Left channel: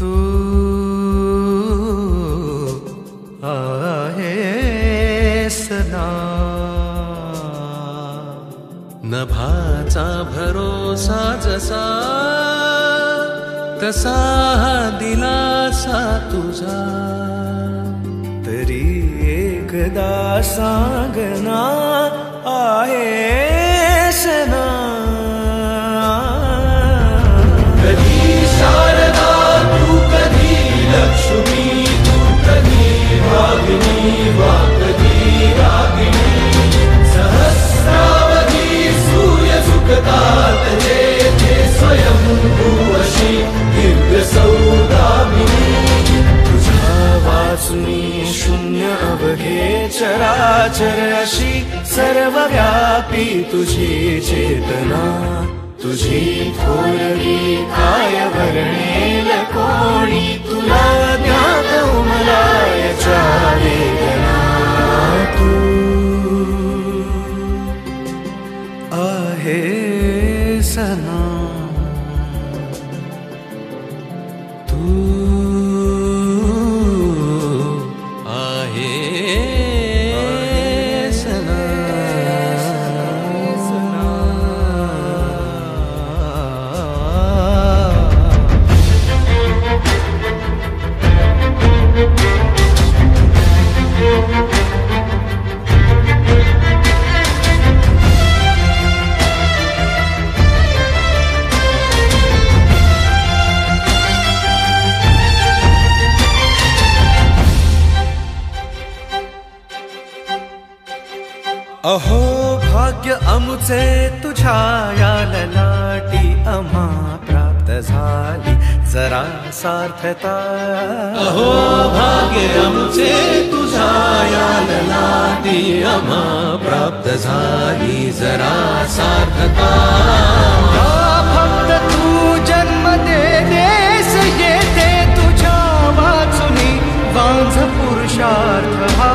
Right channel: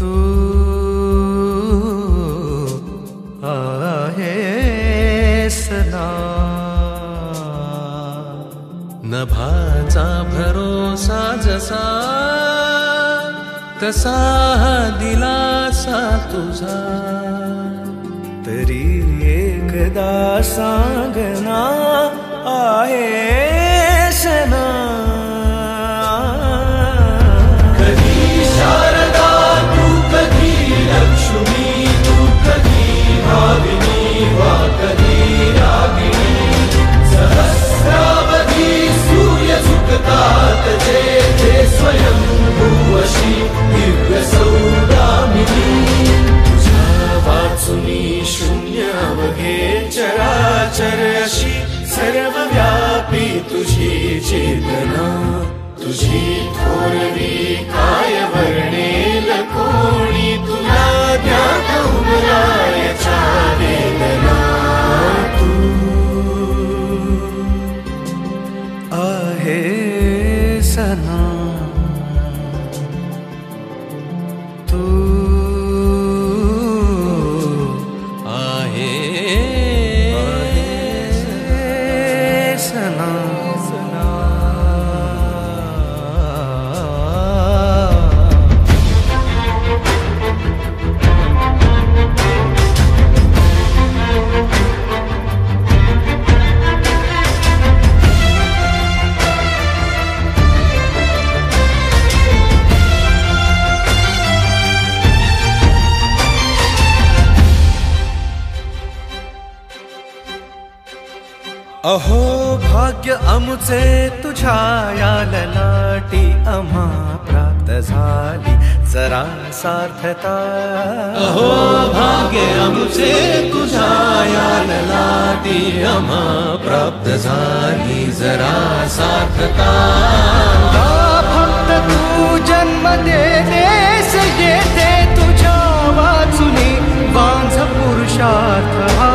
तू आहेस ना. नभाचा भरोसा जसा तसा हा दिलासा तुझा. तरी एकदा सांगना आहेस ना. कधी शारदा तू कधी लक्ष्मी तू कधी रागिणी वा कधी रागिणी. सहस्रावधी सूर्य सुखतात जेथे स्वयंभूवशी दीर्घ सौदामिनी. तुझा वाचुनी शून्य अवघे चराचर अशी सर्वव्यापी तुझी चेतना. तुझी थोरवी काय वर्णेल कोणी तुला ज्ञात उमला याच्या वेदना. तू आहेस ना. तू आहेस ना. अहो भाग्य अमुचे तुझ्या या ललाटी आम्हा प्राप्त झाली जरा सार्थता. अहो भाग्य अमुचे तुझ्या या ललाटी आम्हा प्राप्त झाली जरा सार्थता. फक्त तू जन्म दे देस येथे तुझ्या वाचुनी वांझ पुरुषार्थ हा.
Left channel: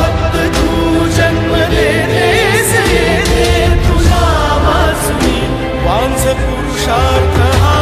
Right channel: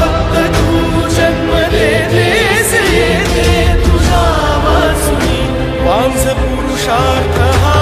फक्त तू जन्म दे देस येथे तुझा वाचुनी वांझ पुरुषार्थ हा.